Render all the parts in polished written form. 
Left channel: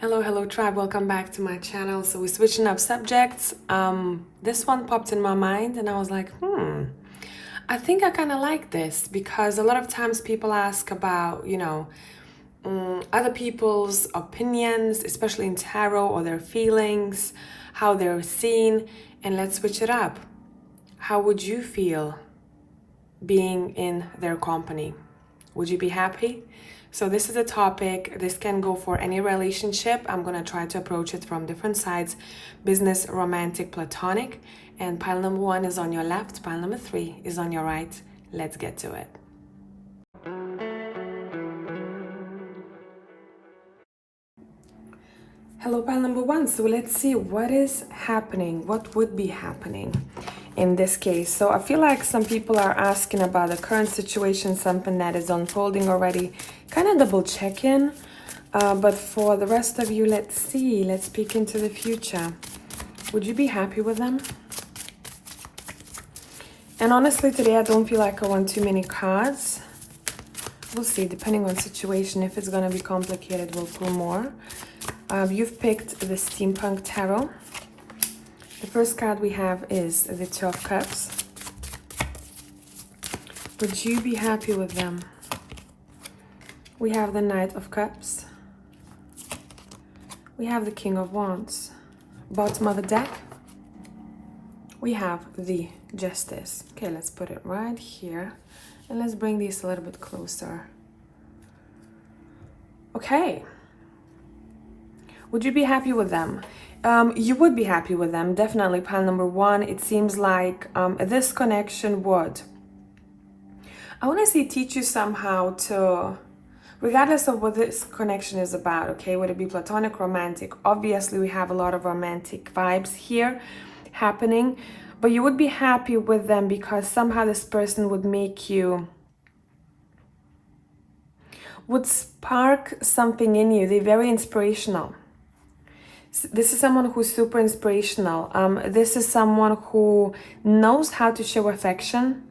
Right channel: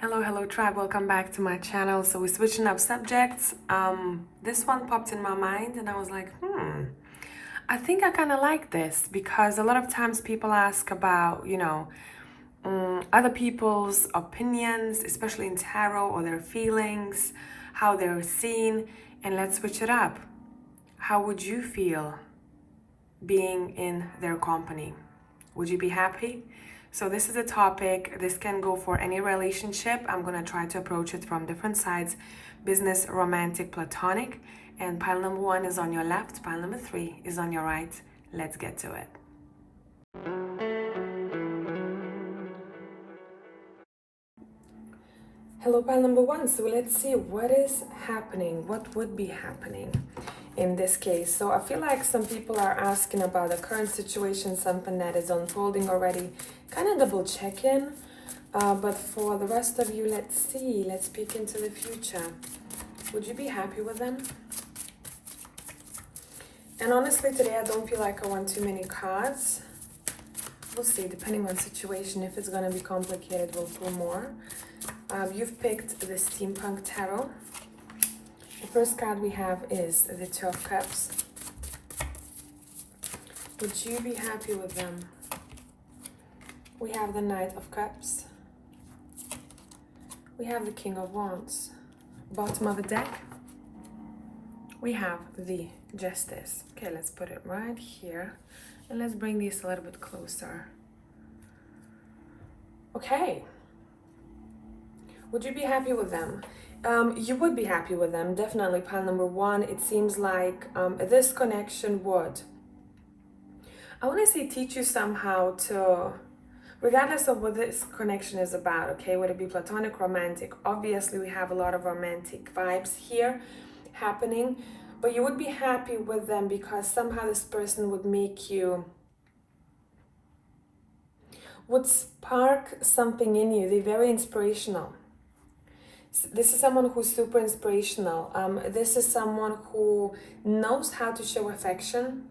Hello tribe, welcome back to my channel. So we're switching up subjects. This one popped in my mind and I was like, I think I kind of like this because a lot of times people ask about, other people's opinions, especially in tarot, or their feelings, how they're seen. And let's switch it up. How would you feel being in their company? Would you be happy? So this is a topic. This can go for any relationship. I'm going to try to approach it from different sides: business, romantic, platonic. And pile number 1 is on your left, pile number 3 is on your right. Let's get to it. Hello, pile number 1. So let's see what is happening, what would be happening in this case. So I feel like some people are asking about the current situation, something that is unfolding already. Kind of double check in. But for the rest of you, let's see. Let's peek into the future. Would you be happy with them? And honestly, today I don't feel like I want too many cards. We'll see, depending on situation. If it's going to be complicated, we'll pull more. You've picked the Steampunk Tarot. The first card we have is the Two of Cups. Would you be happy with them? We have the Knight of Cups. We have the King of Wands. Bottom of the deck, we have the Justice. Okay, let's put it right here. And let's bring these a little bit closer. Okay. Would you be happy with them? You would be happy with them, definitely. Pile number 1, it seems like this connection would, I want to say, teach you somehow to, regardless of what this connection is about, okay, would it be platonic, romantic? Obviously, we have a lot of romantic vibes here happening, but you would be happy with them because somehow this person would make you, would spark something in you. They're very inspirational. This is someone who's super inspirational. This is someone who knows how to show affection.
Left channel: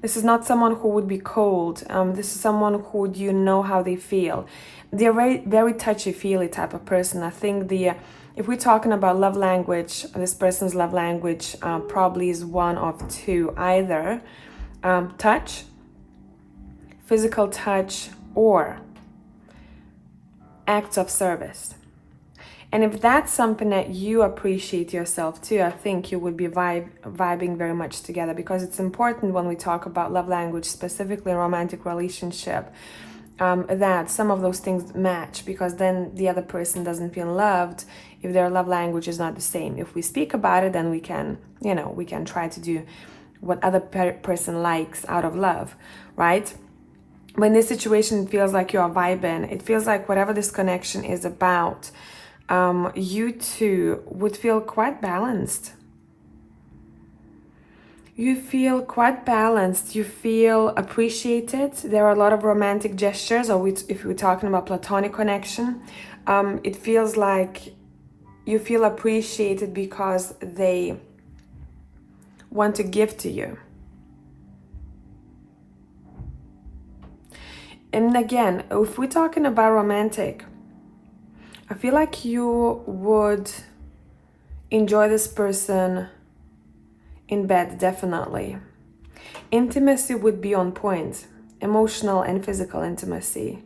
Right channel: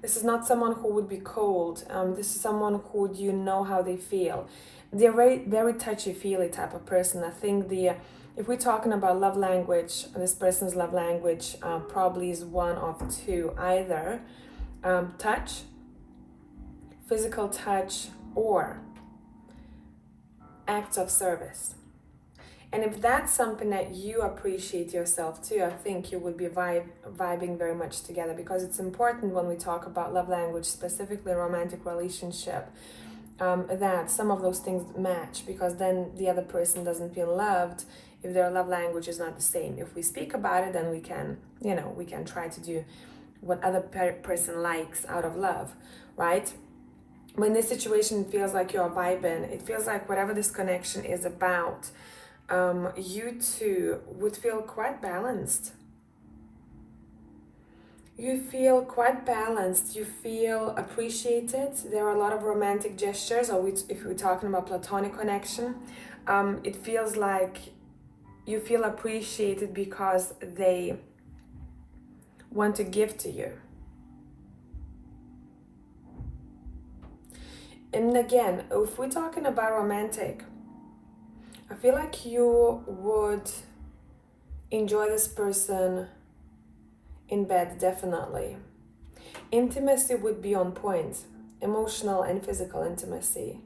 This is not someone who would be cold. This is someone who you know how they feel. They're very touchy-feely type of person. I think if we're talking about love language, this person's love language probably is one of two. Either touch, physical touch, or acts of service. And if that's something that you appreciate yourself too, I think you would be vibing very much together, because it's important when we talk about love language, specifically a romantic relationship, that some of those things match, because then the other person doesn't feel loved if their love language is not the same. If we speak about it, then we can, we can try to do what other person likes out of love, right? When this situation, it feels like you're vibing. It feels like whatever this connection is about, you two would feel quite balanced. You feel quite balanced. You feel appreciated. There are a lot of romantic gestures, or if we're talking about platonic connection, it feels like you feel appreciated because they want to give to you. And again, if we're talking about romantic, I feel like you would enjoy this person in bed, definitely. Intimacy would be on point, emotional and physical intimacy.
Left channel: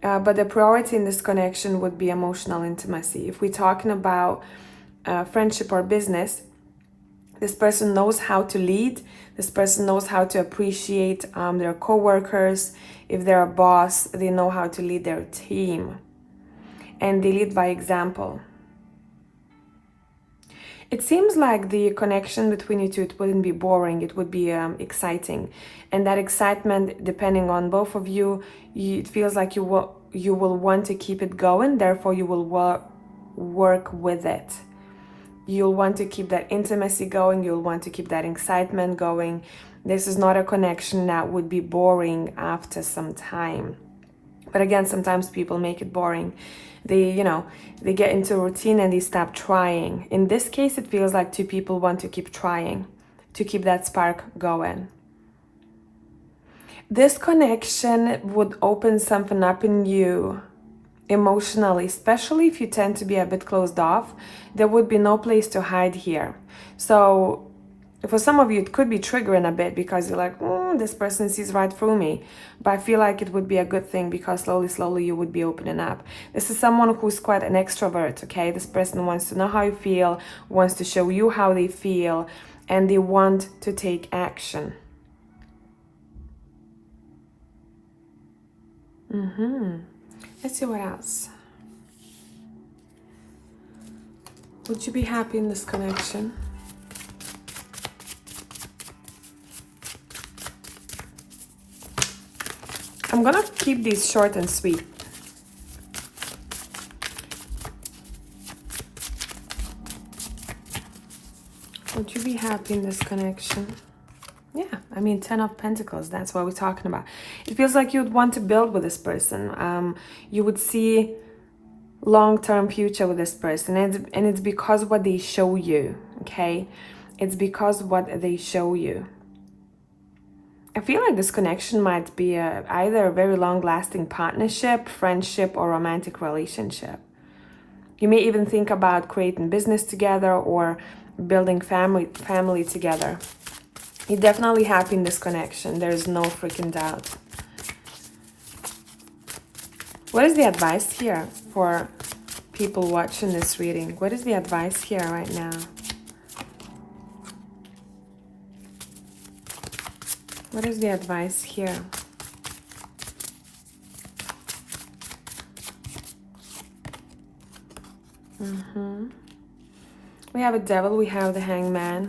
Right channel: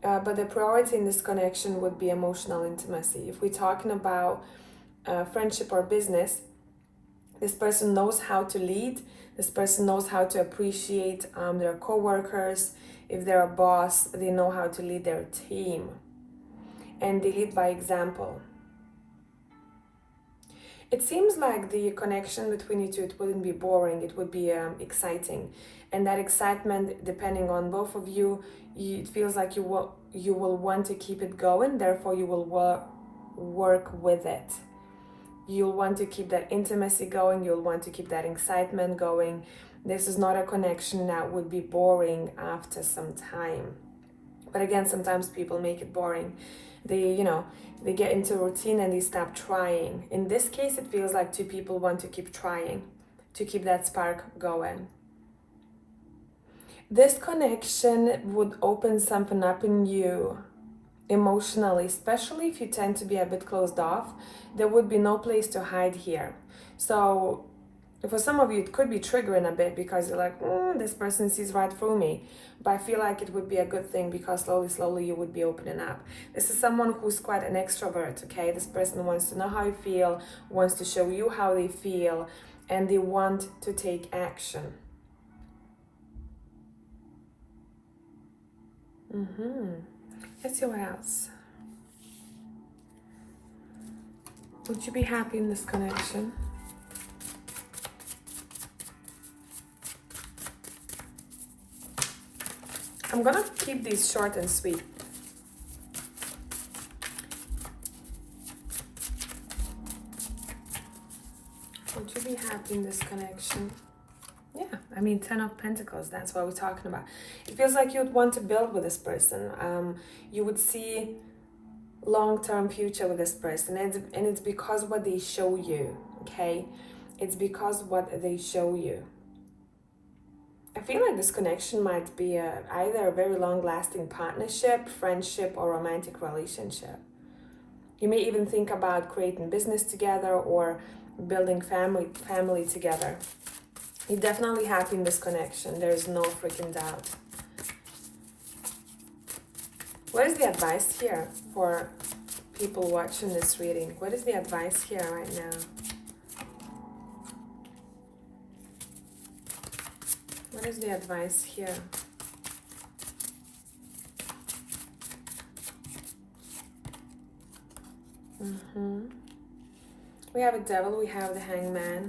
But the priority in this connection would be emotional intimacy. If we're talking about friendship or business, this person knows how to lead. This person knows how to appreciate their co-workers. If they're a boss, they know how to lead their team. And they lead by example. It seems like the connection between you two, it wouldn't be boring, it would be exciting. And that excitement, depending on both of you, it feels like you will want to keep it going, therefore you will work with it. You'll want to keep that intimacy going, you'll want to keep that excitement going. This is not a connection that would be boring after some time. But again, sometimes people make it boring. They get into a routine and they stop trying. In this case, it feels like two people want to keep trying, to keep that spark going. This connection would open something up in you emotionally, especially if you tend to be a bit closed off, there would be no place to hide here. So for some of you, it could be triggering a bit because you're like, this person sees right through me. But I feel like it would be a good thing because slowly you would be opening up. This is someone who's quite an extrovert, okay? This person wants to know how you feel, wants to show you how they feel, and they want to take action. Let's see what else. Would you be happy in this connection? I'm gonna keep these short and sweet. Would you be happy in this connection? Yeah, I mean, 10 of Pentacles, that's what we're talking about. It feels like you'd want to build with this person. You would see long-term future with this person. And it's because what they show you, okay? It's because what they show you. I feel like this connection might be either a very long-lasting partnership, friendship, or romantic relationship. You may even think about creating business together or building family together. You're definitely happy in this connection. There's no freaking doubt. What is the advice here for people watching this reading? What is the advice here right now? What is the advice here? We have a devil, we have the hangman.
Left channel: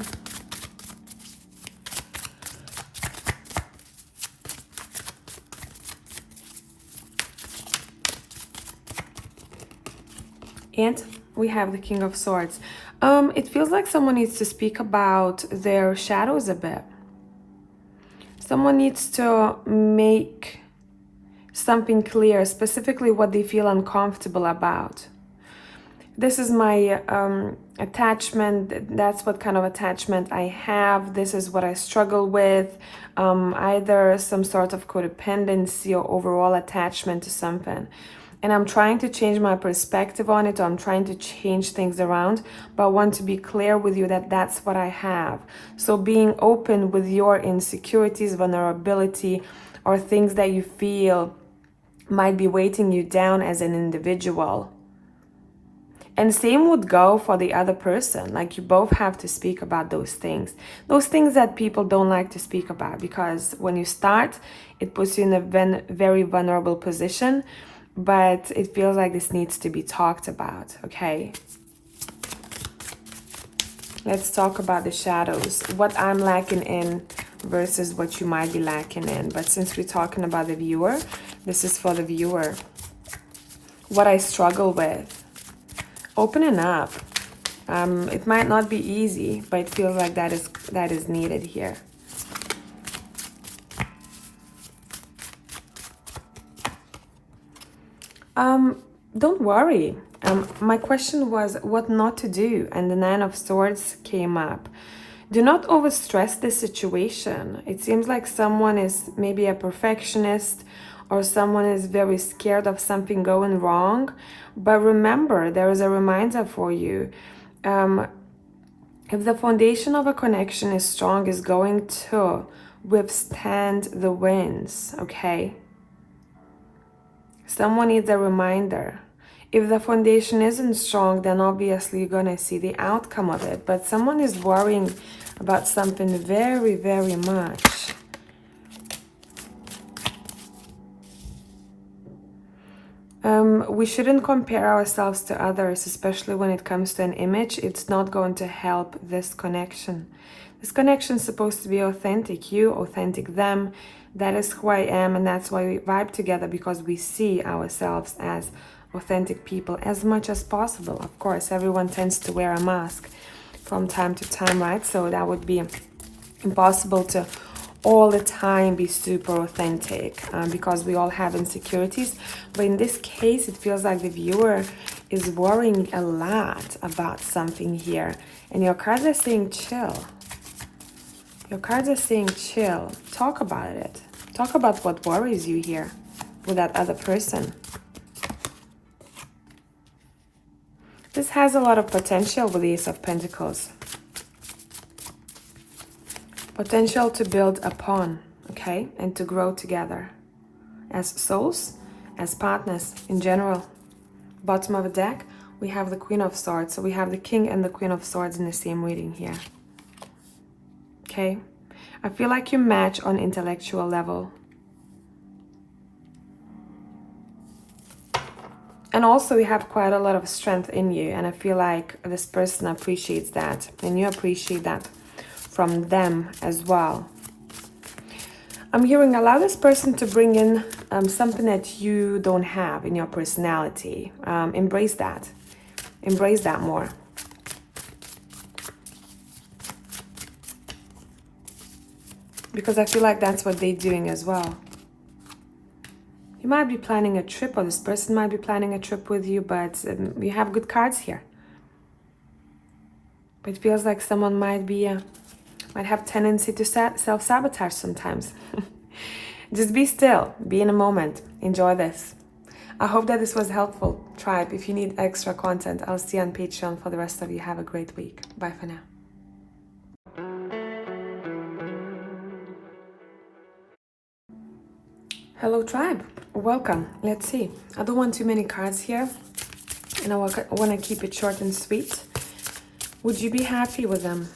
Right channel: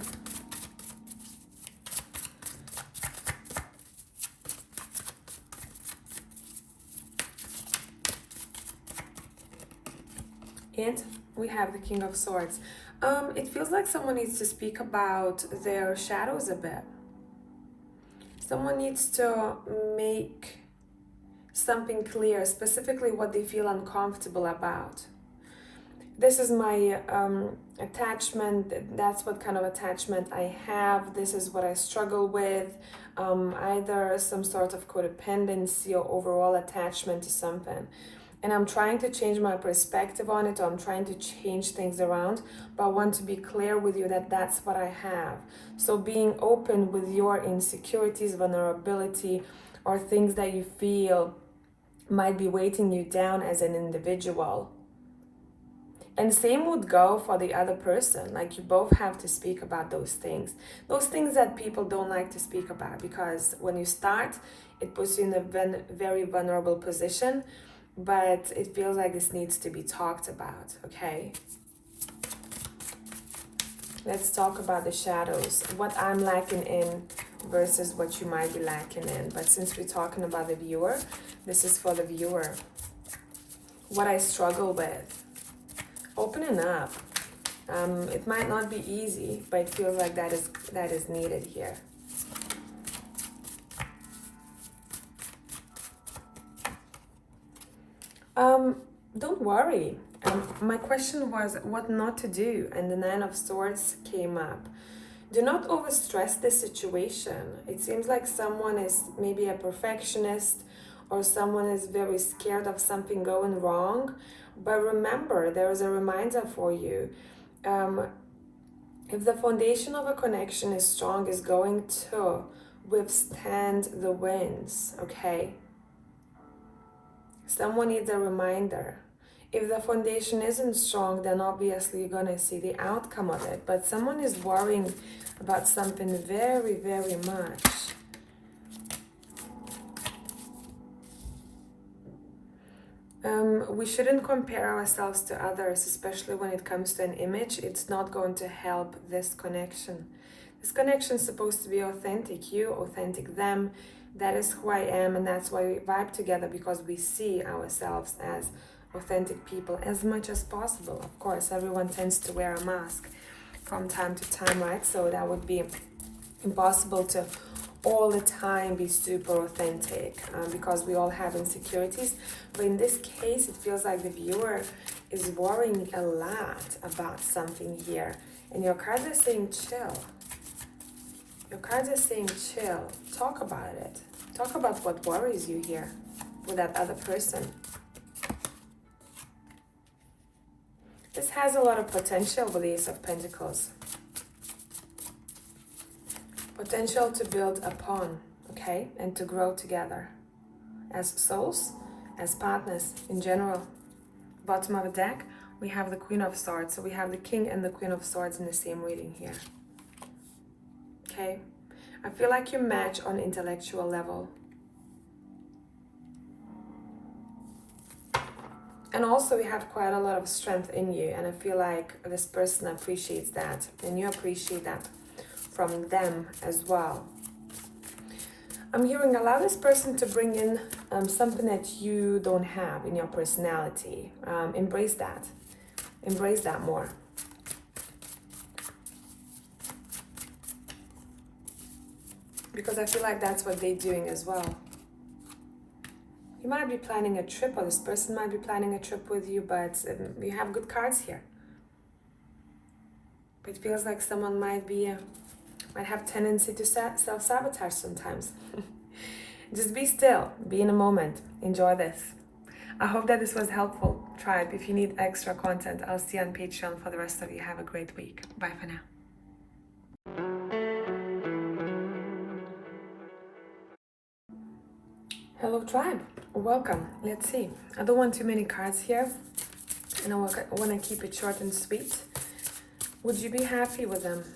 And we have the King of Swords. It feels like someone needs to speak about their shadows a bit. Someone needs to make something clear, specifically what they feel uncomfortable about. This is my attachment. That's what kind of attachment I have. This is what I struggle with. Either some sort of codependency or overall attachment to something. And I'm trying to change my perspective on it, or I'm trying to change things around, but I want to be clear with you that that's what I have. So being open with your insecurities, vulnerability, or things that you feel might be weighting you down as an individual. And same would go for the other person. Like, you both have to speak about those things that people don't like to speak about, because when you start, it puts you in a very vulnerable position. But it feels like this needs to be talked about, okay? Let's talk about the shadows. What I'm lacking in versus what you might be lacking in. But since we're talking about the viewer, this is for the viewer. What I struggle with. Opening up. It might not be easy, but it feels like that is needed here. Don't worry. My question was what not to do, and the Nine of Swords came up. Do not overstress the situation. It seems like someone is maybe a perfectionist, or someone is very scared of something going wrong. But remember, there is a reminder for you. If the foundation of a connection is strong, is going to withstand the winds, okay? Someone needs a reminder. If the foundation isn't strong, then obviously you're going to see the outcome of it. But someone is worrying about something very, very much. We shouldn't compare ourselves to others, especially when it comes to an image. It's not going to help this connection. This connection is supposed to be authentic. You, authentic them. That is who I am, and that's why we vibe together, because we see ourselves as authentic people as much as possible. Of course, everyone tends to wear a mask from time to time, right? So that would be impossible to all the time be super authentic, because we all have insecurities. But in this case, it feels like the viewer is worrying a lot about something here, and your cards are saying chill. Your cards are saying chill. Talk about it. Talk about what worries you here with that other person. has a lot of potential with the Ace of Pentacles. Potential to build upon, okay, and to grow together as souls, as partners in general. Bottom of the deck, we have the Queen of Swords. So we have the King and the Queen of Swords in the same reading here. Okay, I feel like you match on intellectual level. And also you have quite a lot of strength in you, and I feel like this person appreciates that, and you appreciate that from them as well. I'm hearing allow this person to bring in something that you don't have in your personality. Embrace that. Embrace that more. Because I feel like that's what they're doing as well. You might be planning a trip, or this person might be planning a trip with you, but you have good cards here. But it feels like someone might have tendency to self-sabotage sometimes. Just be still, be in a moment, enjoy this. I hope that this was helpful, tribe. If you need extra content, I'll see you on Patreon. For the rest of you, have a great week. Bye for now. Hello, tribe. Welcome. Let's see. I don't want too many cards here, and I want to keep it short and sweet. Would you be happy with them?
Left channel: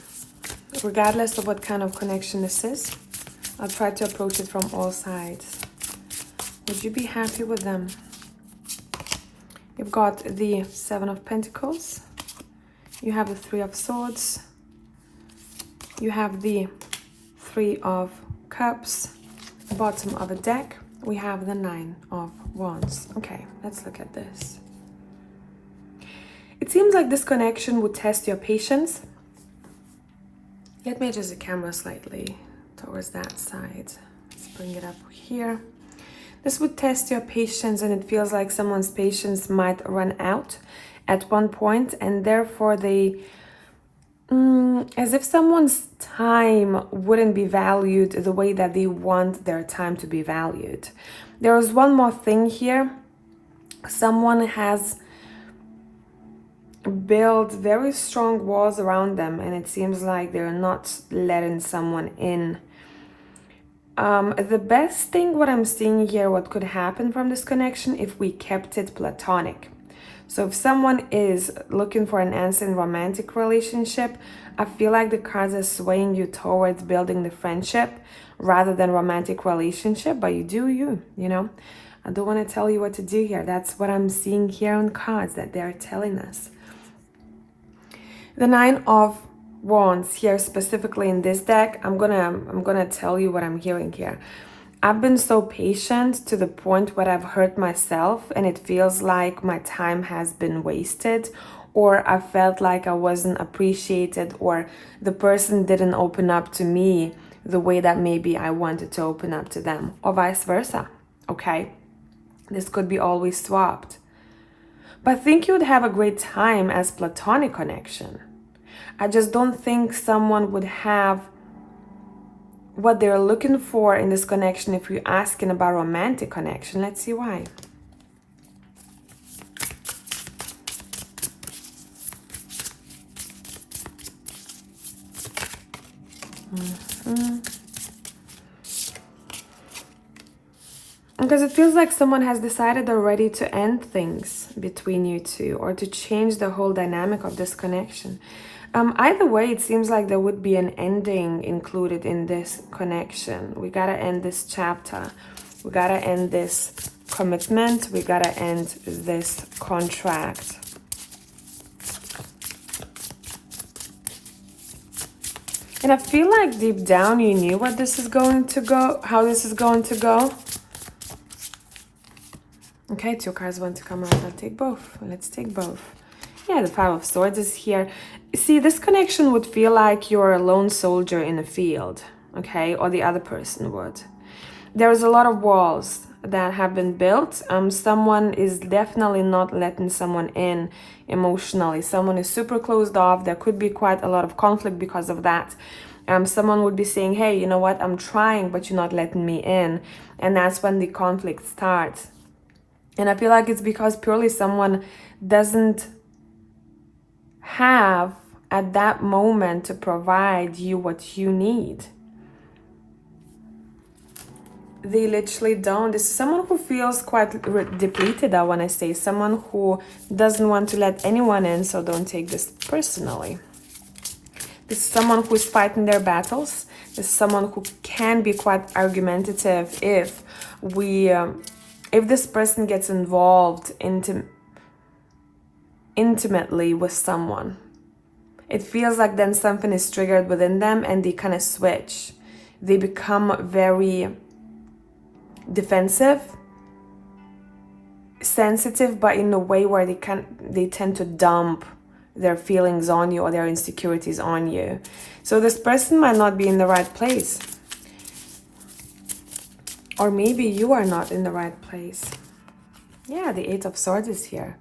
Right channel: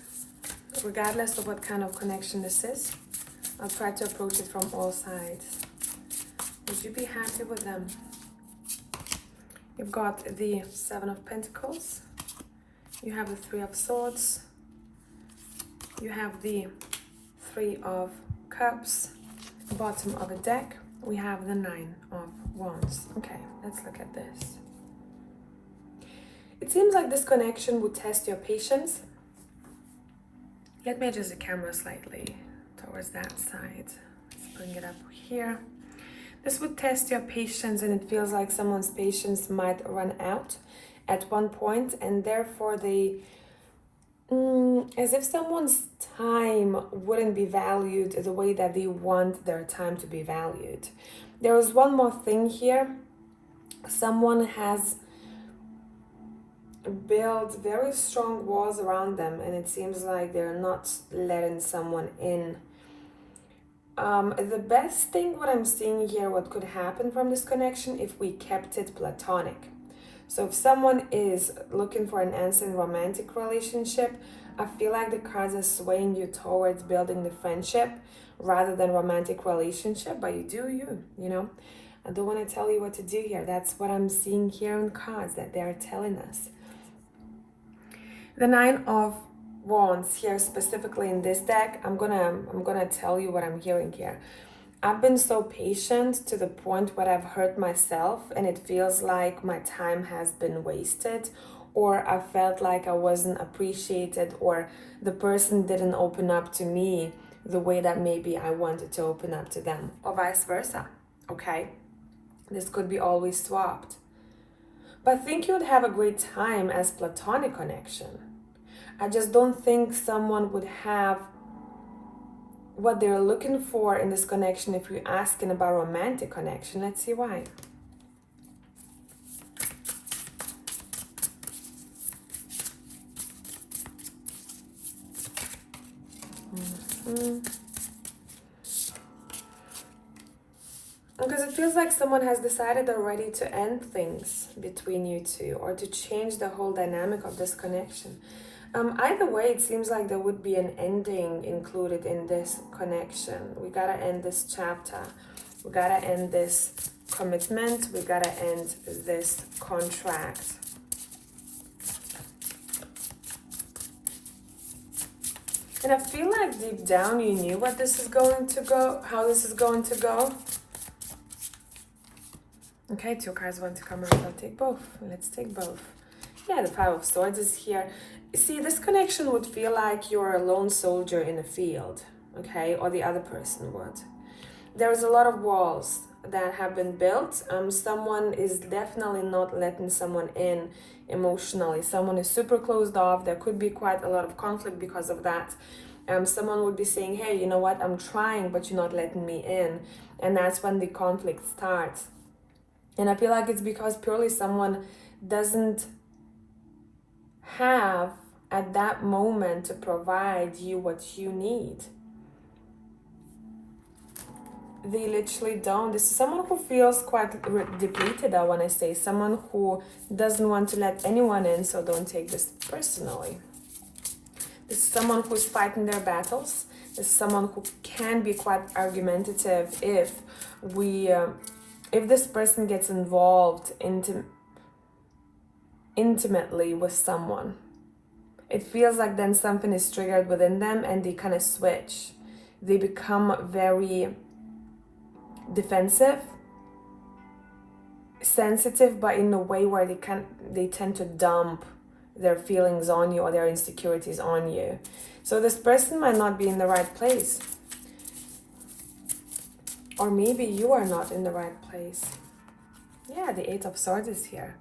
Regardless of what kind of connection this is, I'll try to approach it from all sides. Would you be happy with them? You've got the Seven of Pentacles. You have the Three of Swords. You have the Three of Cups. Bottom of the deck, we have the Nine of Wands. Okay, let's look at this. It seems like this connection would test your patience. Let me adjust the camera slightly towards that side. Let's bring it up here. This would test your patience, and it feels like someone's patience might run out at one point, and therefore as if someone's time wouldn't be valued the way that they want their time to be valued. There is one more thing here. Someone has built very strong walls around them, and it seems like they're not letting someone in. The best thing, what I'm seeing here, what could happen from this connection, if we kept it platonic. So if someone is looking for an answer in romantic relationship, I feel like the cards are swaying you towards building the friendship rather than romantic relationship, but you do you know. I don't want to tell you what to do here. That's what I'm seeing here on cards that they're telling us. The Nine of Wands here, specifically in this deck, I'm gonna tell you what I'm hearing here. I've been so patient to the point where I've hurt myself, and it feels like my time has been wasted, or I felt like I wasn't appreciated, or the person didn't open up to me the way that maybe I wanted to open up to them, or vice versa. Okay, this could be always swapped. But I think you'd have a great time as platonic connection. I just don't think someone would have what they're looking for in this connection if you're asking about romantic connection. Let's see why. Because it feels like someone has decided already to end things between you two, or to change the whole dynamic of this connection. Either way, it seems like there would be an ending included in this connection. We gotta end this chapter. We gotta end this commitment. We gotta end this contract. And I feel like deep down you knew what this is going to go, how this is going to go. Okay, two cards want to come out. Let's take both. Let's take both. Yeah, the Five of Swords is here. See, this connection would feel like you're a lone soldier in a field, okay? Or the other person would. There's a lot of walls that have been built. Someone is definitely not letting someone in emotionally. Someone is super closed off. There could be quite a lot of conflict because of that. Someone would be saying, hey, you know what? I'm trying, but you're not letting me in. And that's when the conflict starts. And I feel like it's because purely someone doesn't have at that moment to provide you what you need. They literally don't. This is someone who feels quite depleted, I want to say. Someone who doesn't want to let anyone in, so don't take this personally. This is someone who's fighting their battles. This is someone who can be quite argumentative if this person gets involved intimately with someone. It feels like then something is triggered within them and they kind of switch. They become very defensive, sensitive, but in a way where they tend to dump their feelings on you or their insecurities on you. So this person might not be in the right place. Or maybe you are not in the right place. Yeah, the Eight of Swords is here.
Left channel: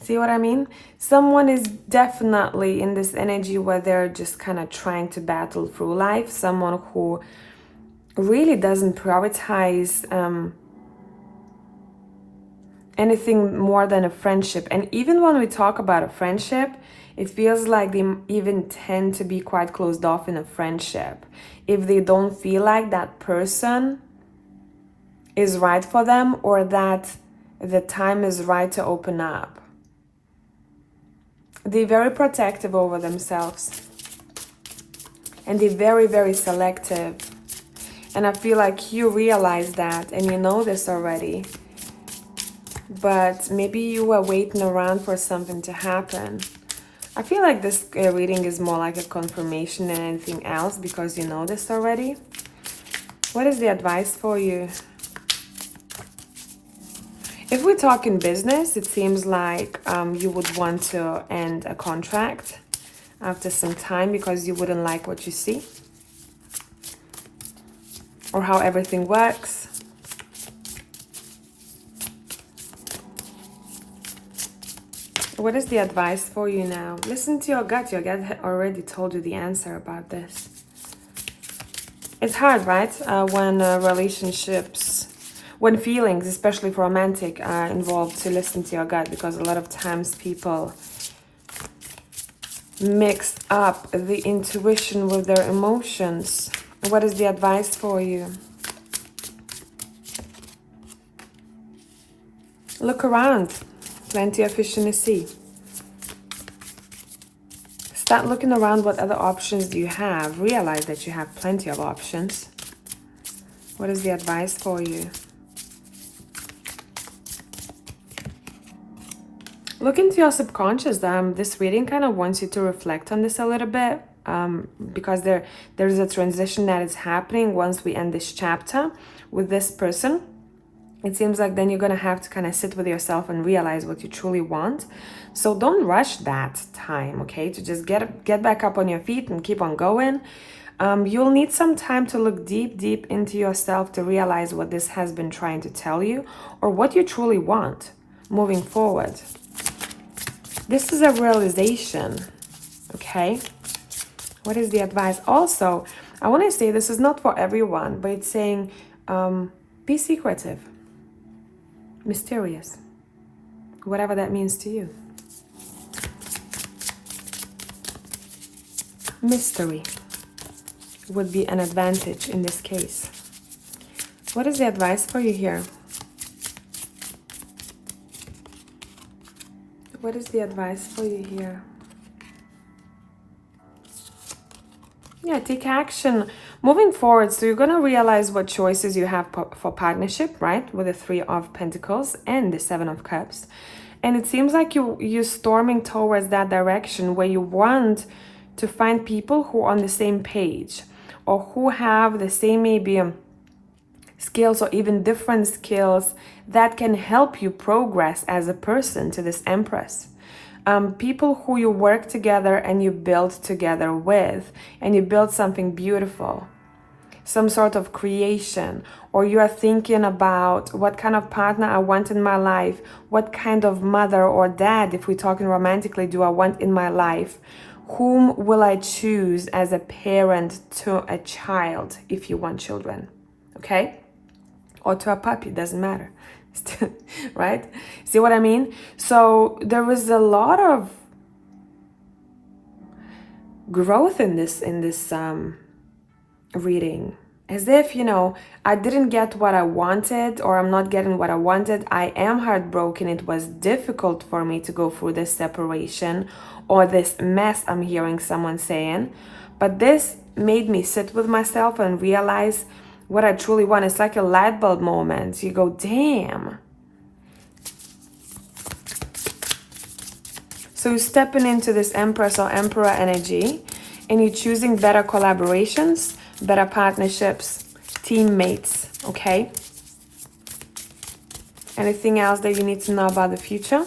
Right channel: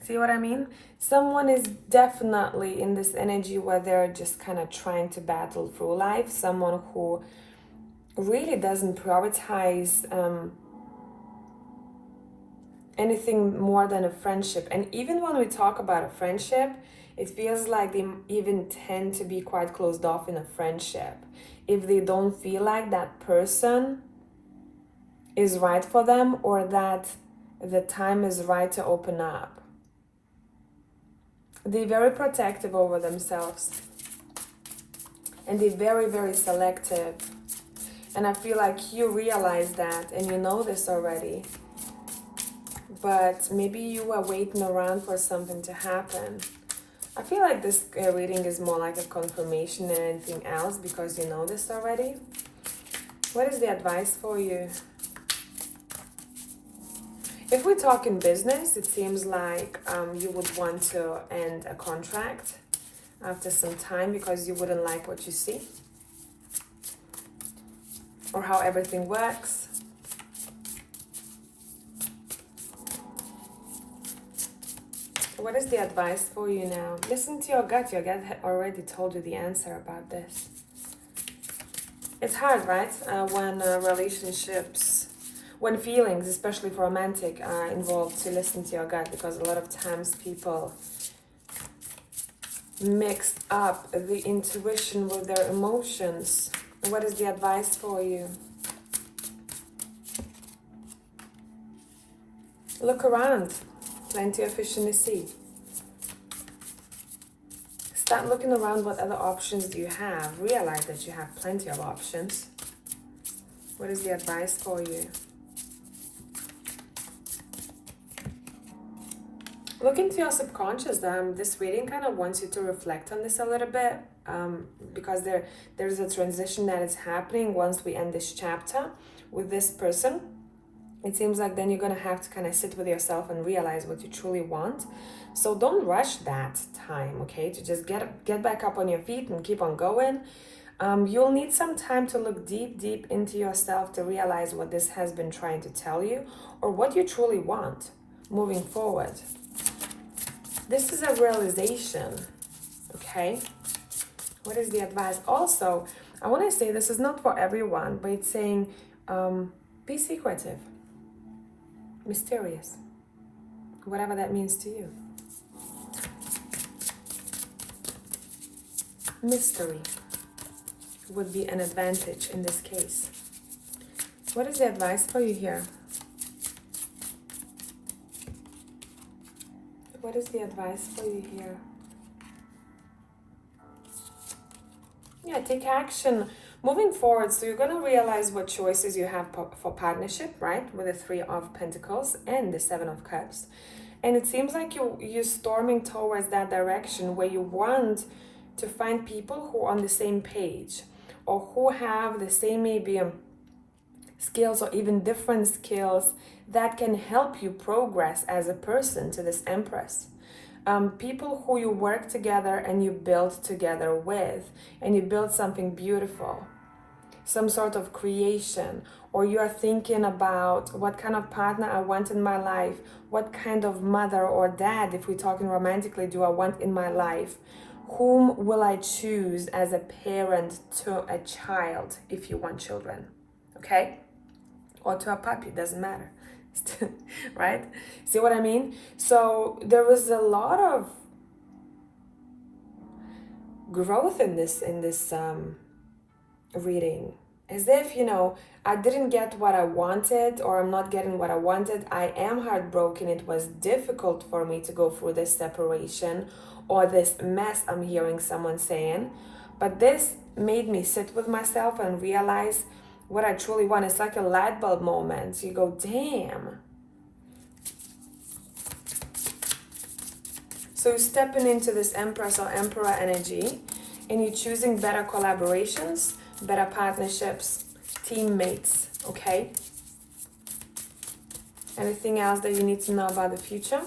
See what I mean? Someone is definitely in this energy where they're just kind of trying to battle through life. Someone who really doesn't prioritize anything more than a friendship. And even when we talk about a friendship, it feels like they even tend to be quite closed off in a friendship. If they don't feel like that person is right for them or that the time is right to open up. They're very protective over themselves. And they're very, very selective. And I feel like you realize that and you know this already. But maybe you were waiting around for something to happen. I feel like this reading is more like a confirmation than anything else because you know this already. What is the advice for you? If we talk in business, it seems like you would want to end a contract after some time because you wouldn't like what you see or how everything works. What is the advice for you now? Listen to your gut. Your gut already told you the answer about this. It's hard, right? When when feelings, especially for romantic, are involved, to listen to your gut, because a lot of times people mix up the intuition with their emotions. What is the advice for you? Look around. Plenty of fish in the sea. Start looking around. What other options do you have? Realize that you have plenty of options. What is the advice for you? Look into your subconscious. This reading kind of wants you to reflect on this a little bit because there's a transition that is happening once we end this chapter with this person. It seems like then you're going to have to kind of sit with yourself and realize what you truly want. So don't rush that time, okay? To just get back up on your feet and keep on going. You'll need some time to look deep into yourself to realize what this has been trying to tell you or what you truly want moving forward. This is a realization, okay? What is the advice? Also, I want to say this is not for everyone, but it's saying be secretive. Mysterious, whatever that means to you. Mystery would be an advantage in this case. What is the advice for you here? What is the advice for you here? Yeah, take action. Moving forward, so you're going to realize what choices you have for partnership, right? With the Three of Pentacles and the Seven of Cups. And it seems like you're storming towards that direction where you want to find people who are on the same page or who have the same maybe skills or even different skills that can help you progress as a person to this Empress. People who you work together and you build together with, and you build something beautiful, some sort of creation, or you are thinking about what kind of partner I want in my life, what kind of mother or dad, if we're talking romantically, do I want in my life, whom will I choose as a parent to a child if you want children, okay? Or to a puppy, doesn't matter. Right? See what I mean? So there is a lot of growth in this reading. As if, I didn't get what I wanted, or I'm not getting what I wanted. I am heartbroken. It was difficult for me to go through this separation or this mess, I'm hearing someone saying. But this made me sit with myself and realize what I truly want. It's like a light bulb moment. You go, damn. So you're stepping into this Empress or Emperor energy, and you're choosing better collaborations, better partnerships, teammates, okay? Anything else that you need to know about the future?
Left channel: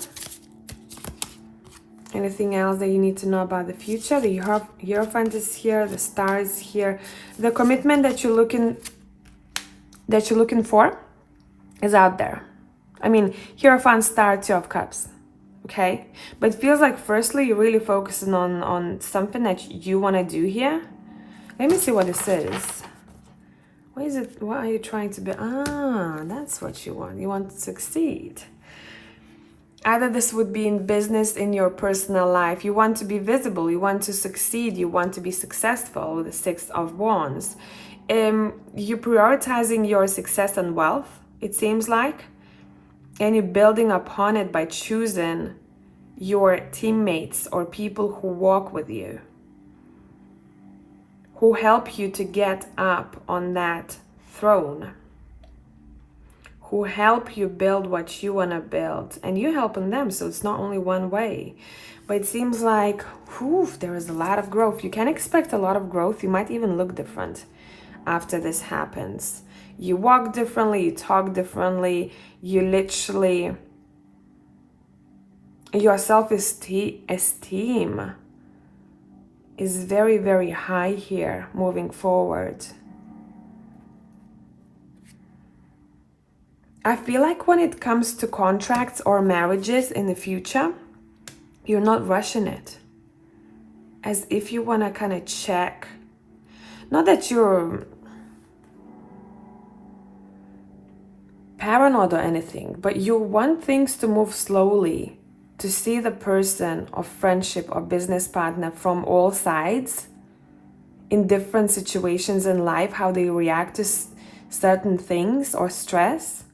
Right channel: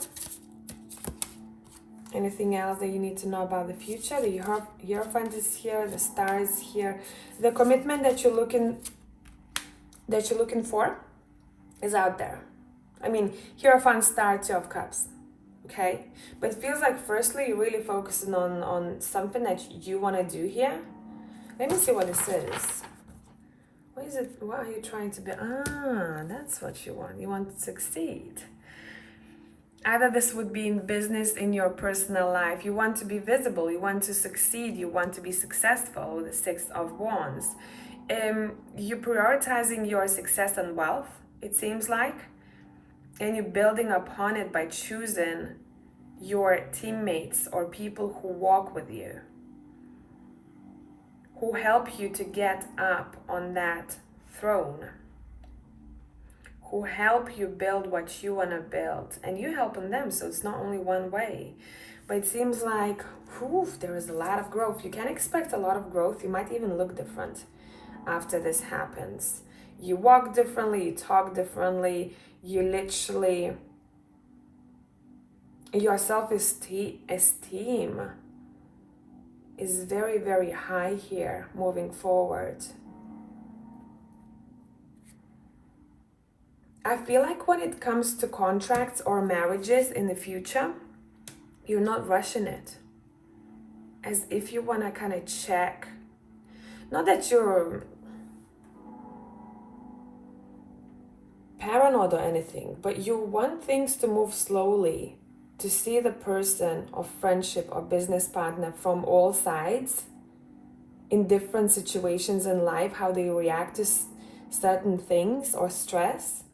Anything else that you need to know about the future? The Hierophant is here, the Star is here. The commitment that you're looking for is out there. I mean, Hierophant, Star, Two of Cups. Okay, but it feels like firstly you're really focusing on something that you want to do here. Let me see what this is. What is it? What are you trying to be? That's what you want. You want to succeed. Either this would be in business, in your personal life. You want to be visible. You want to succeed. You want to be successful with the Six of Wands. You're prioritizing your success and wealth, it seems like. And you're building upon it by choosing your teammates or people who walk with you, who help you to get up on that throne, who help you build what you want to build. And you're helping them, so it's not only one way. But it seems like, there is a lot of growth. You can expect a lot of growth. You might even look different after this happens. You walk differently, you talk differently, you literally, your self-esteem is very, very high here moving forward. I feel like when it comes to contracts or marriages in the future, you're not rushing it. As if you want to kind of check, not that you're paranoid or anything, but you want things to move slowly, to see the person or friendship or business partner from all sides in different situations in life, how they react to certain things or stress.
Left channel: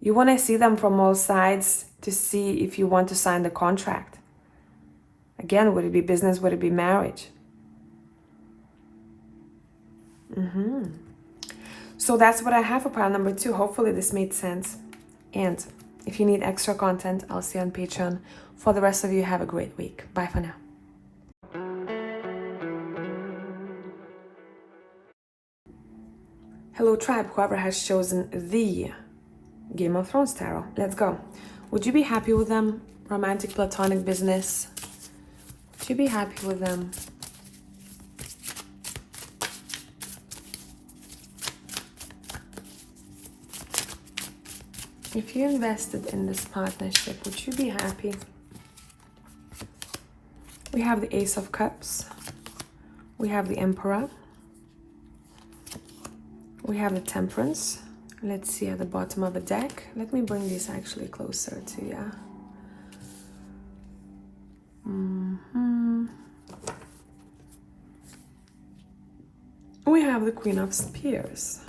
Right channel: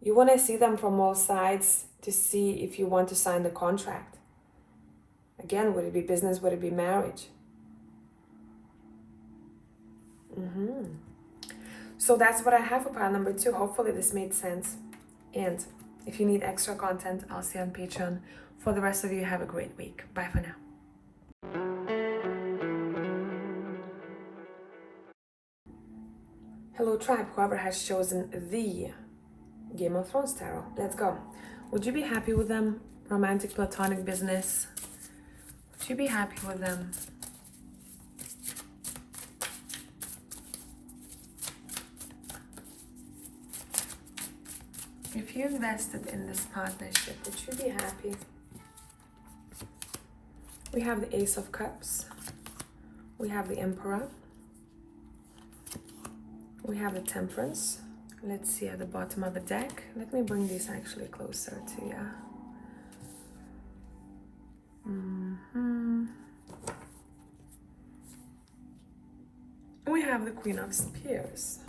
You want to see them from all sides to see if you want to sign the contract. Again, would it be business? Would it be marriage? So that's what I have for pile number 2. Hopefully this made sense. And if you need extra content, I'll see you on Patreon. For the rest of you, have a great week. Bye for now. Hello tribe, whoever has chosen the Game of Thrones tarot. Let's go. Would you be happy with them? Romantic, platonic, business? Would you be happy with them? If you invested in this partnership, would you be happy? We have the Ace of Cups. We have the Emperor. We have the Temperance. Let's see at the bottom of the deck. Let me bring this actually closer to you. We have the Queen of Spears.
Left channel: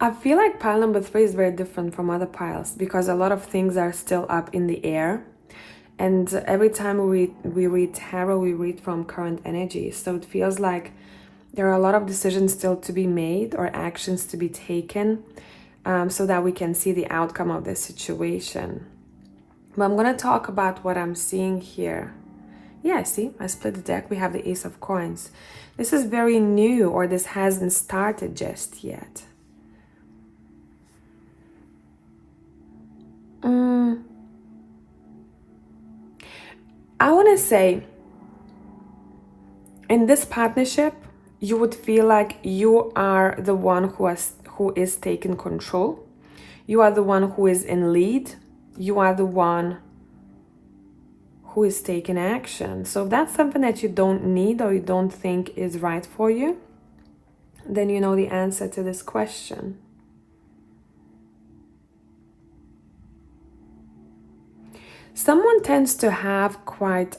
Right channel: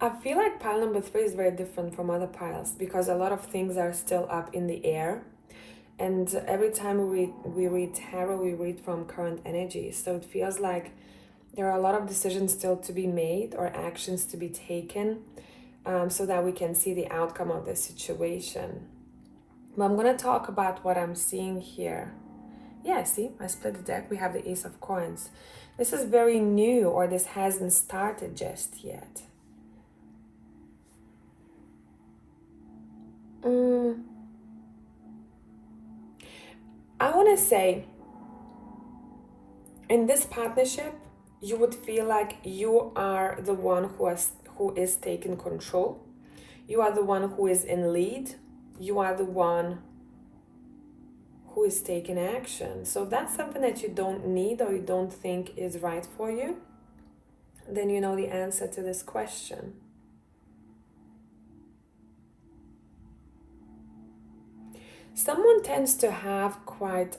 I feel like pile number 3 is very different from other piles because a lot of things are still up in the air. And every time we read tarot, we read from current energy. So it feels like there are a lot of decisions still to be made or actions to be taken so that we can see the outcome of the situation. But I'm going to talk about what I'm seeing here. Yeah, see, I split the deck. We have the Ace of Coins. This is very new, or this hasn't started just yet. I want to say, in this partnership, you would feel like you are the one who is taking control. You are the one who is in lead. You are the one who is taking action. So if that's something that you don't need or you don't think is right for you, then you know the answer to this question. Someone tends to have quite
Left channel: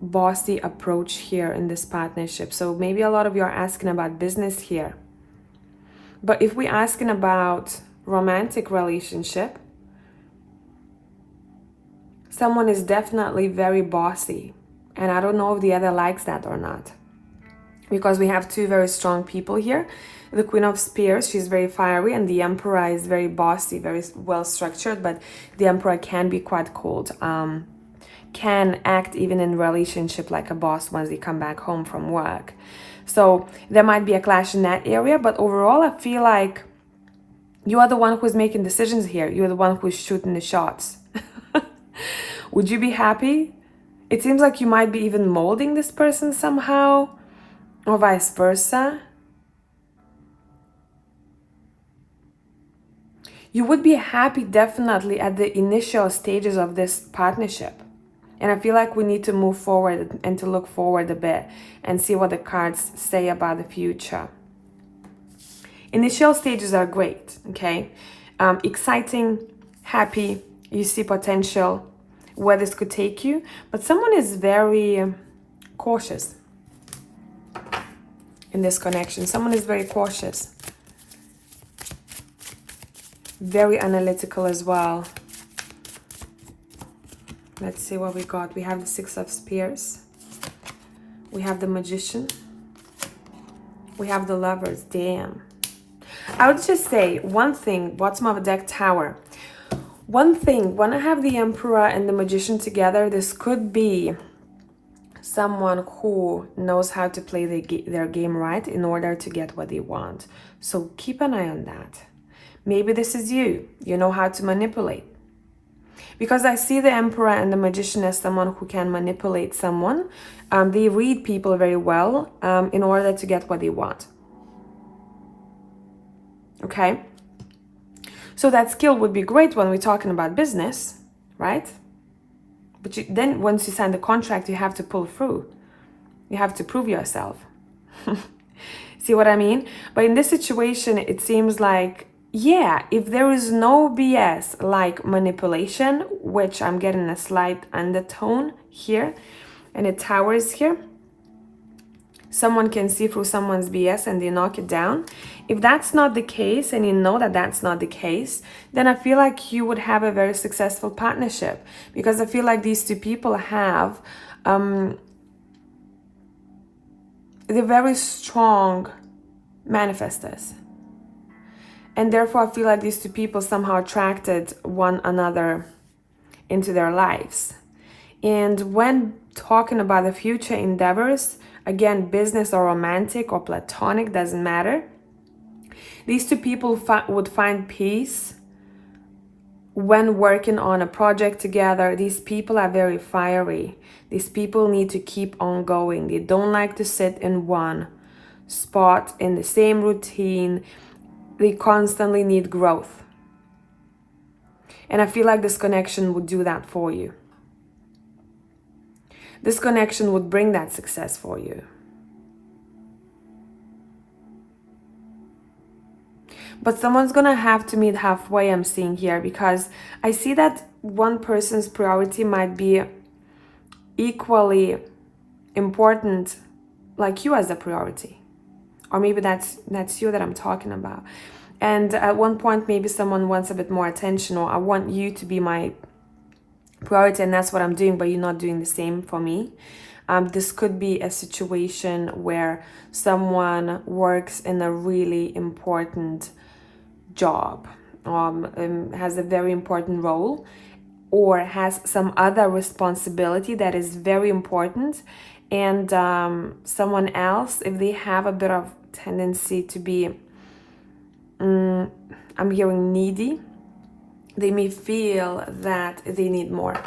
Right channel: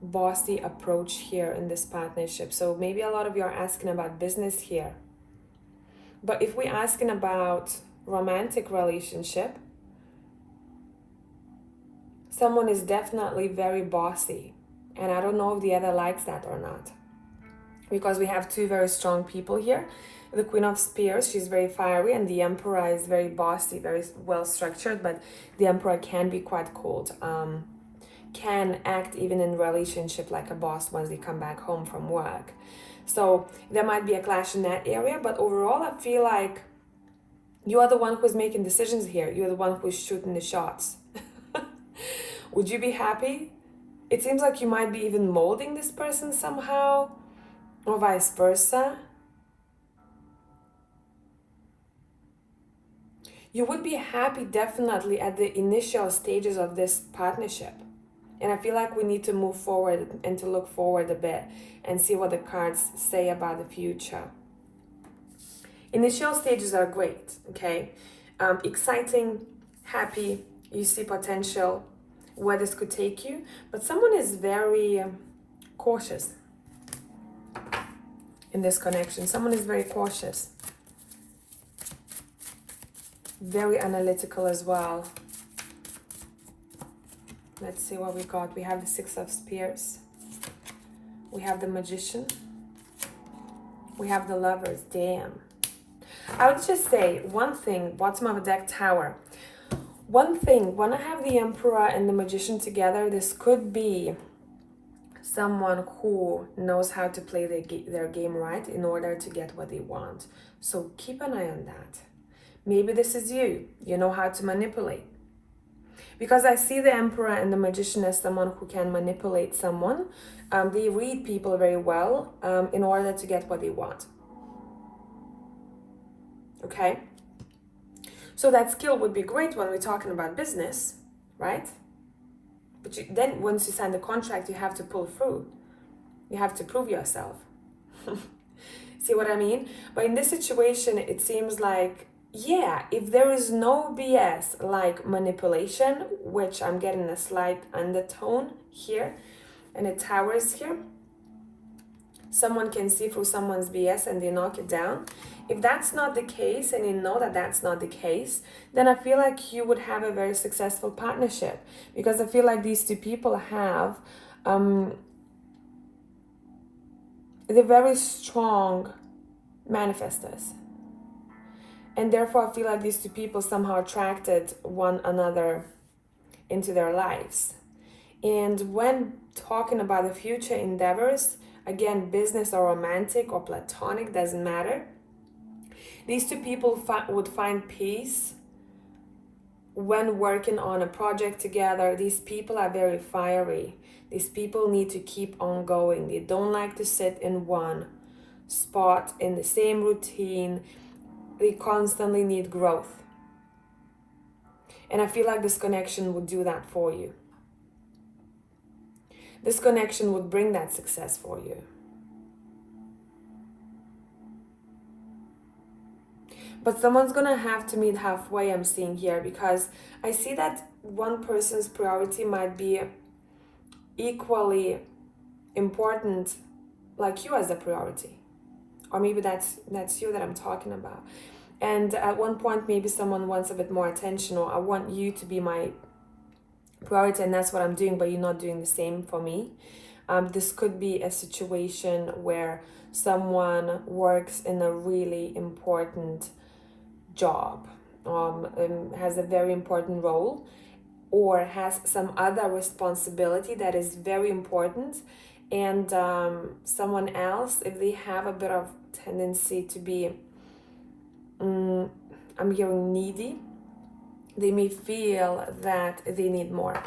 bossy approach here in this partnership. So maybe a lot of you are asking about business here. But if we're asking about romantic relationship, someone is definitely very bossy. And I don't know if the other likes that or not. Because we have two very strong people here. The Queen of Spears, she's very fiery, and the Emperor is very bossy, very well structured, but the Emperor can be quite cold. Can act even in relationship like a boss once they come back home from work. So there might be a clash in that area, but overall I feel like you are the one who's making decisions here. You're the one who's shooting the shots. Would you be happy? It seems like you might be even molding this person somehow, or vice versa. You would be happy definitely at the initial stages of this partnership. And I feel like we need to move forward and to look forward a bit and see what the cards say about the future. Initial stages are great, okay? Exciting, happy, you see potential, where this could take you. But someone is very cautious in this connection. Someone is very cautious. Very analytical as well. Let's see what we got. We have the Six of Spears. We have the Magician. We have the Lovers. Damn. I would just say one thing, bottom of the deck, Tower. One thing, when I have the Emperor and the Magician together, this could be someone who knows how to play their game right in order to get what they want. So keep an eye on that. Maybe this is you. You know how to manipulate. Because I see the Emperor and the Magician as someone who can manipulate someone. They read people very well in order to get what they want. Okay? So that skill would be great when we're talking about business, right? But then once you sign the contract, you have to pull through. You have to prove yourself. See what I mean? But in this situation, it seems like, yeah, if there is no BS like manipulation, which I'm getting a slight undertone here, and the Tower is here, someone can see through someone's BS and they knock it down. If that's not the case, and you know that that's not the case, then I feel like you would have a very successful partnership. Because I feel like these two people have they're very strong manifestors. And therefore, I feel like these two people somehow attracted one another into their lives. And when talking about the future endeavors, again, business or romantic or platonic, doesn't matter. These two people would find peace when working on a project together. These people are very fiery. These people need to keep on going. They don't like to sit in one spot in the same routine. They constantly need growth. And I feel like this connection would do that for you. This connection would bring that success for you. But someone's gonna have to meet halfway, I'm seeing here, because I see that one person's priority might be equally important like you as a priority. Or maybe that's you that I'm talking about. And at one point, maybe someone wants a bit more attention, or I want you to be my priority, and that's what I'm doing, but you're not doing the same for me. This could be a situation where someone works in a really important job, has a very important role, or has some other responsibility that is very important, and someone else, if they have a bit of tendency to be, I'm hearing needy, they may feel that they need more.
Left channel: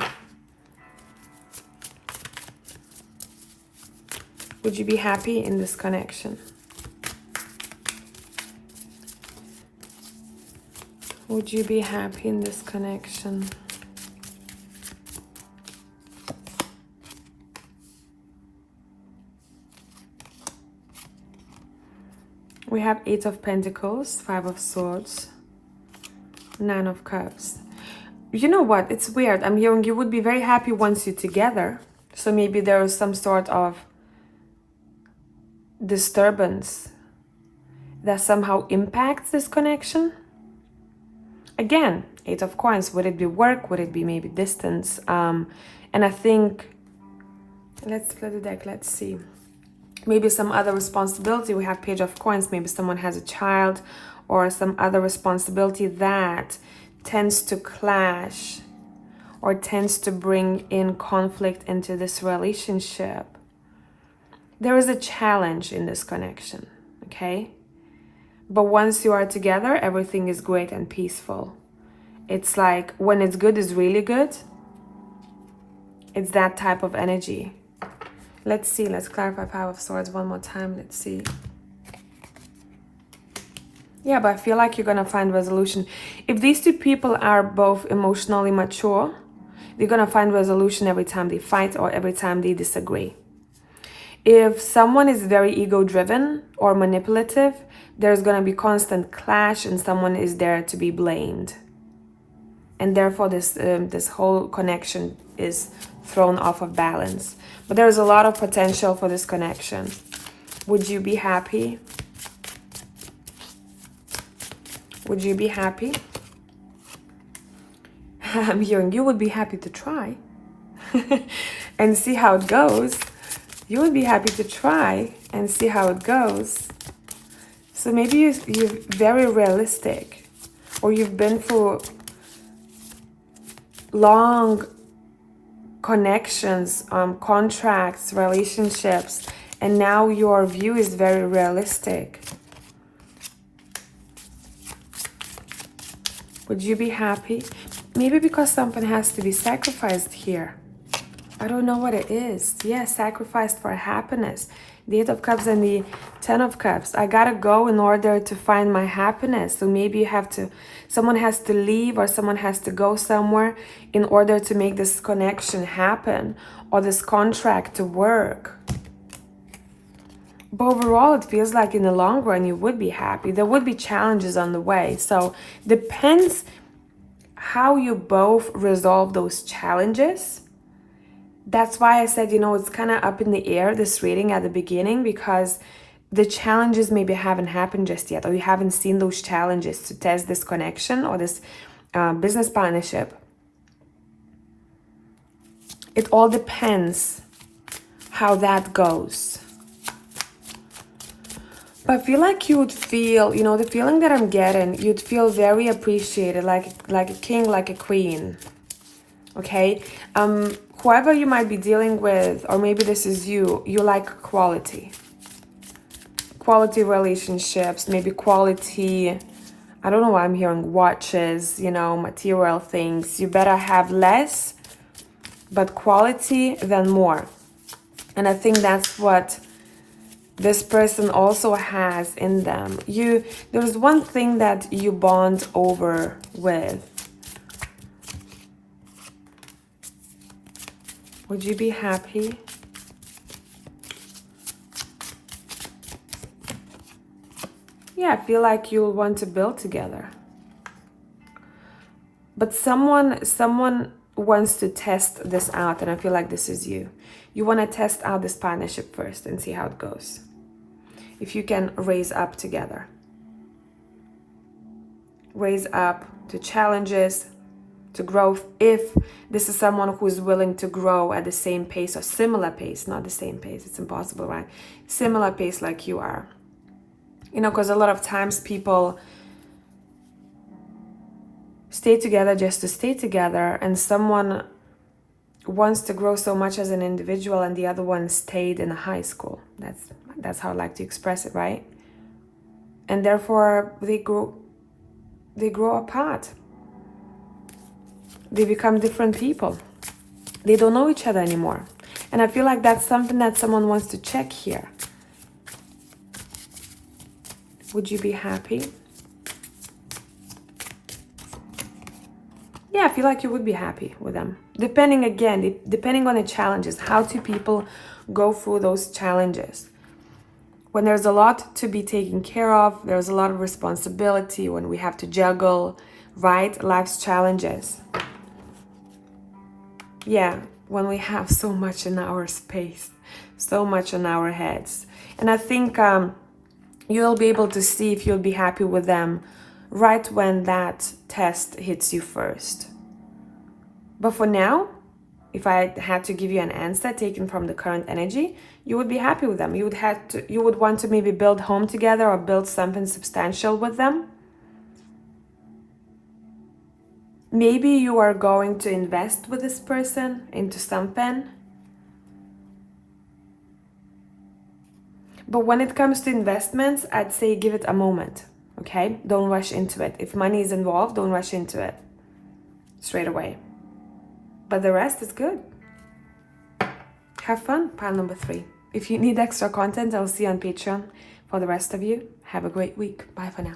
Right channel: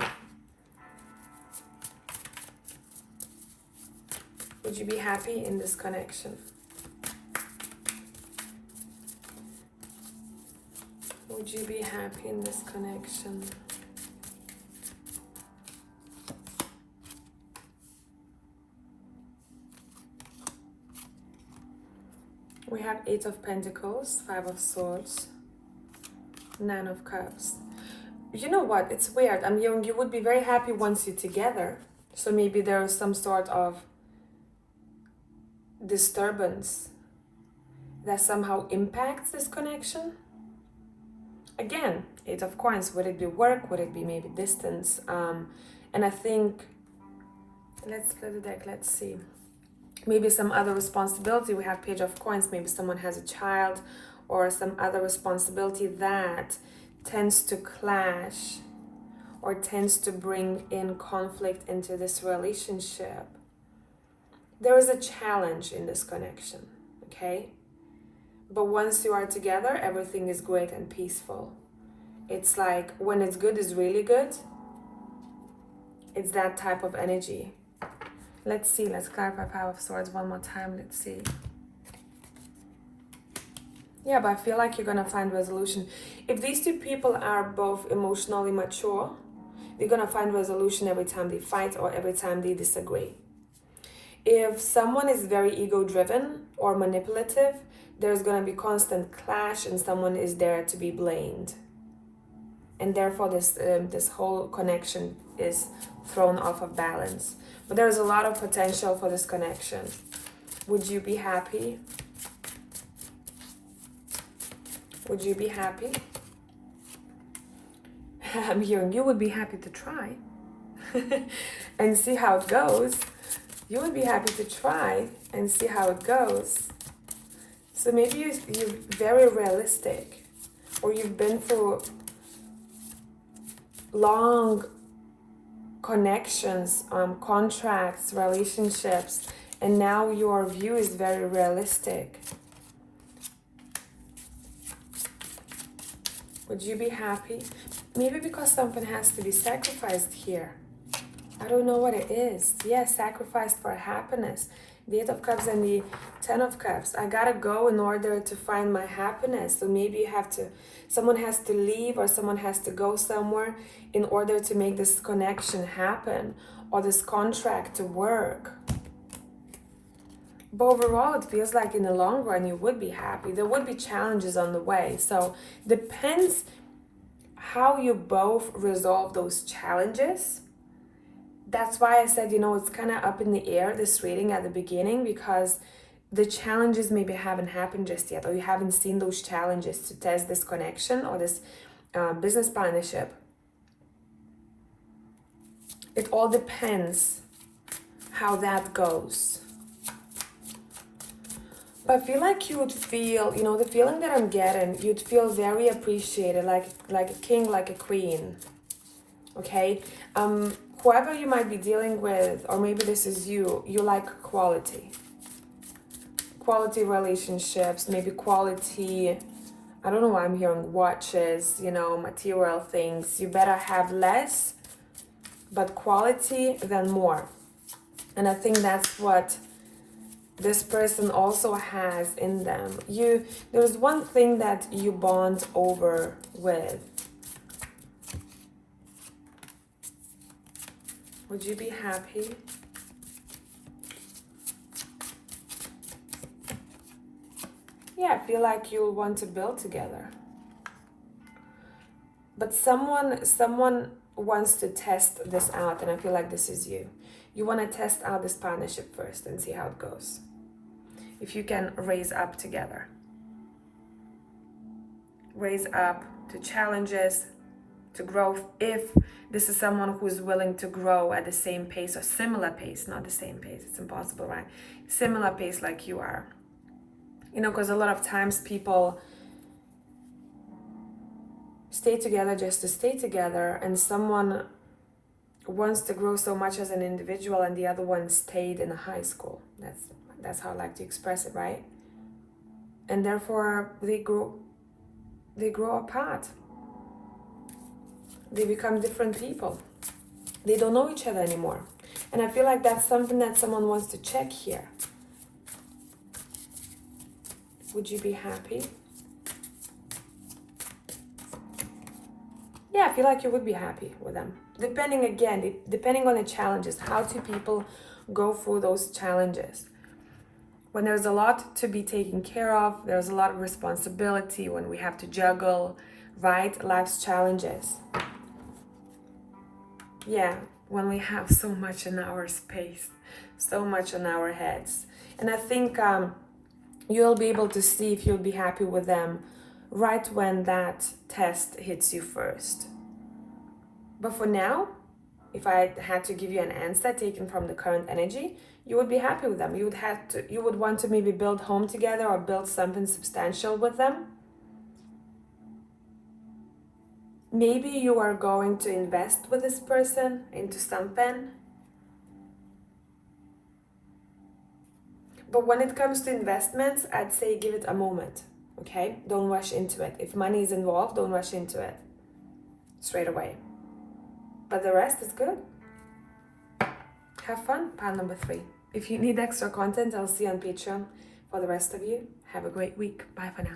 Would you be happy in this connection? Would you be happy in this connection? We have Eight of Pentacles, Five of Swords, Nine of Cups. You know what? It's weird. I'm hearing you would be very happy once you're together. So maybe there is some sort of disturbance that somehow impacts this connection. Again, Eight of Coins. Would it be work? Would it be maybe distance? And I think, let's split the deck. Let's see. Maybe some other responsibility. We have Page of Coins. Maybe someone has a child or some other responsibility that tends to clash or tends to bring in conflict into this relationship. There is a challenge in this connection, okay? But once you are together, everything is great and peaceful. It's like when it's good, it's really good. It's that type of energy. Let's see, let's clarify Five of Swords one more time. Let's see. Yeah, but I feel like you're gonna find resolution. If these two people are both emotionally mature, they're gonna find resolution every time they fight or every time they disagree. If someone is very ego-driven or manipulative, there's gonna be constant clash and someone is there to be blamed. And therefore this whole connection is thrown off of balance. But there's a lot of potential for this connection. Would you be happy? Would you be happy? I'm hearing you would be happy to try and see how it goes. You would be happy to try and see how it goes. So maybe you're very realistic, or you've been through long connections, contracts, relationships, and now your view is very realistic. Would you be happy? Maybe because something has to be sacrificed here. I don't know what it is. Yeah, sacrificed for happiness. The Eight of Cups and the Ten of Cups. I gotta go in order to find my happiness. So maybe you have to, someone has to leave or someone has to go somewhere in order to make this connection happen or this contract to work. But overall, it feels like in the long run, you would be happy. There would be challenges on the way. So depends how you both resolve those challenges. That's why I said, you know, it's kind of up in the air, this reading at the beginning, because the challenges maybe haven't happened just yet, or you haven't seen those challenges to test this connection or this business partnership. It all depends how that goes. But I feel like you would feel, you know, the feeling that I'm getting, you'd feel very appreciated, like a king, like a queen. Okay? Whoever you might be dealing with, or maybe this is you, you like quality. Quality relationships, maybe quality, I don't know why I'm hearing watches, you know, material things. You better have less, but quality than more. And I think that's what this person also has in them. There's one thing that you bond over with. Would you be happy? Yeah, I feel like you'll want to build together. But someone wants to test this out, and I feel like this is you. You want to test out this partnership first and see how it goes. If you can raise up together. Raise up to challenges, to growth, if this is someone who is willing to grow at the same pace or similar pace, not the same pace, it's impossible, right? Similar pace like you are. You know, because a lot of times people stay together just to stay together, and someone wants to grow so much as an individual and the other one stayed in high school. That's how I like to express it, right? And therefore they grow apart. They become different people. They don't know each other anymore. And I feel like that's something that someone wants to check here. Would you be happy? Yeah, I feel like you would be happy with them. Depending on the challenges, how two people go through those challenges. Would you be happy? Yeah, I feel like you would be happy with them. Depending, again, depending on the challenges, how two people go through those challenges. Would you be happy? Yeah, I feel like you would be happy with them. Depending again, depending on the challenges, how two people go through those challenges. when there's a lot to be taken care of, there's a lot of responsibility, when we have to juggle, right, life's challenges. Yeah, when we have so much in our space, so much in our heads. And I think you'll be able to see if you'll be happy with them right when that test hits you first. But for now, if I had to give you an answer taken from the current energy, you would be happy with them. You would want to maybe build home together or build something substantial with them. Maybe you are going to invest with this person into something. But when it comes to investments, I'd say give it a moment, okay? Don't rush into it. If money is involved, don't rush into it straight away. But the rest is good. Have fun, pile number 3. If you need extra content, I'll see you on Patreon. For the rest of you, have a great week. Bye for now.